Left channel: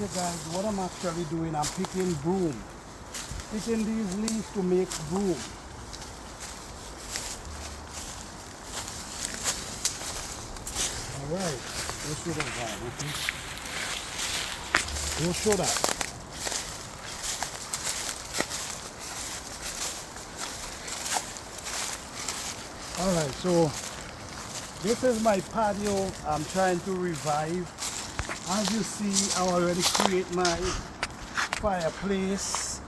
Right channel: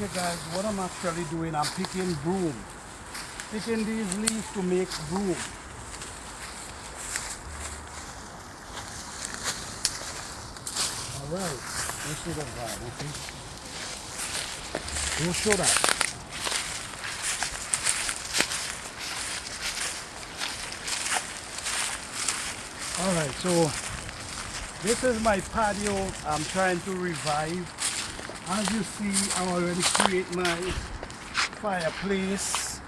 Okay guys, what I'm actually doing, I'm picking broom. Picking these leaves to make broom. Alright, let's do that guy, okay? We'll show that. Alright, so this is my patio I'm trying to revive. As you see, I already create my fireplace.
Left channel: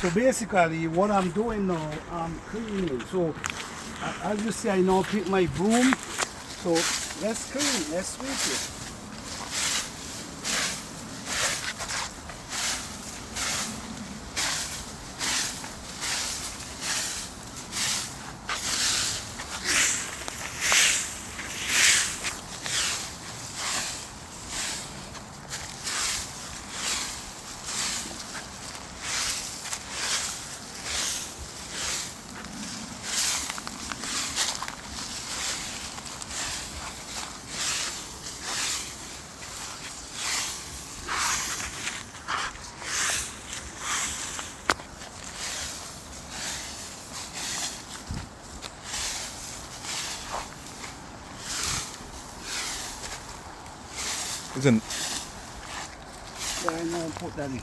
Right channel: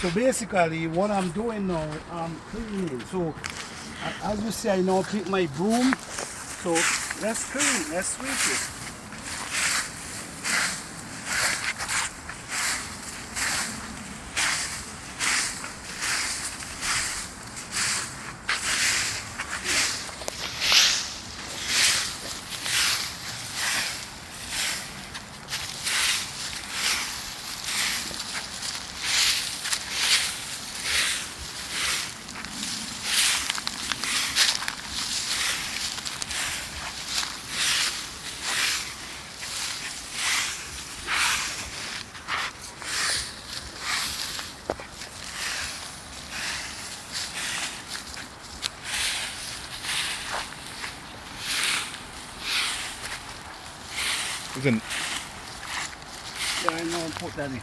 So basically what I'm doing now, I'm cleaning. So as you see, I now pick my broom. So let's clean, let's sweep it. Isn't Yeah, I know, put that in.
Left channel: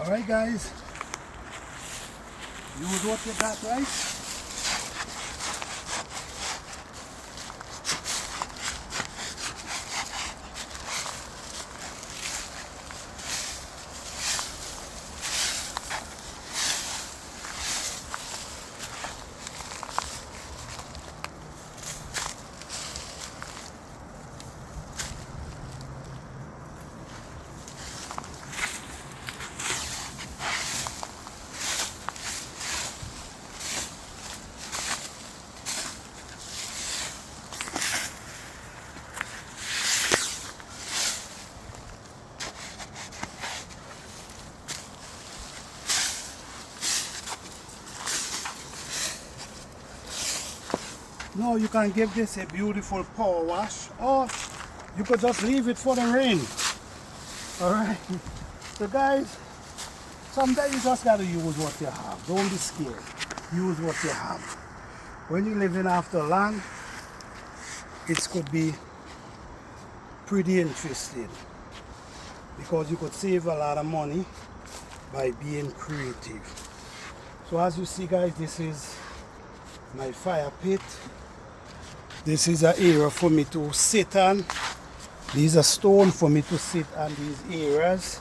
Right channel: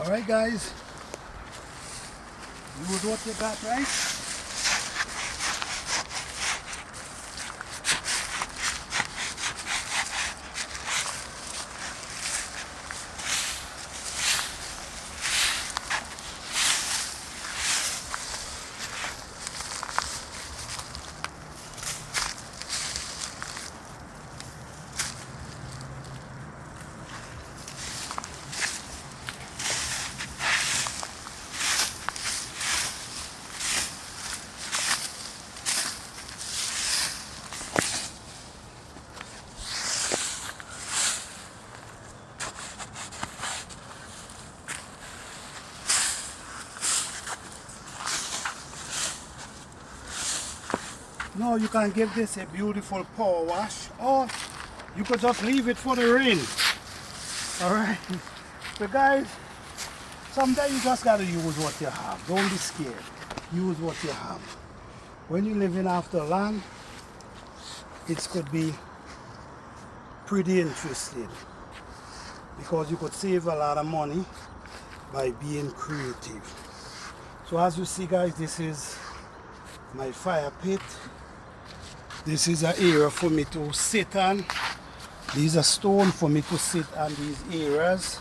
Alright guys, use what you got, right? No, you can give this a beautiful power wash, or you could just leave it for the rain. Alright, so guys, sometimes you just gotta use what you have. Don't be scared. Use what you have. When you're living after land, it could be pretty interesting because you could save a lot of money by being creative. So as you see guys, this is my fire pit. This is an area for me to sit on. These are stone for me to sit on these areas.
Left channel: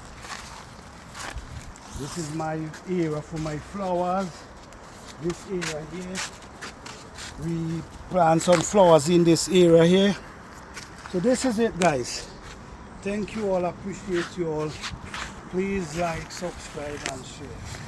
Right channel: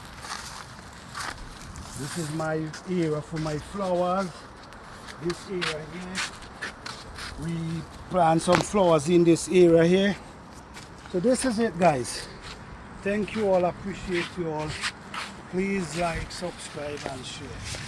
This is my area for my flowers. This area here, we plant some flowers in this area here. So this is it guys. Thank you all, appreciate you all. Please like, subscribe and share.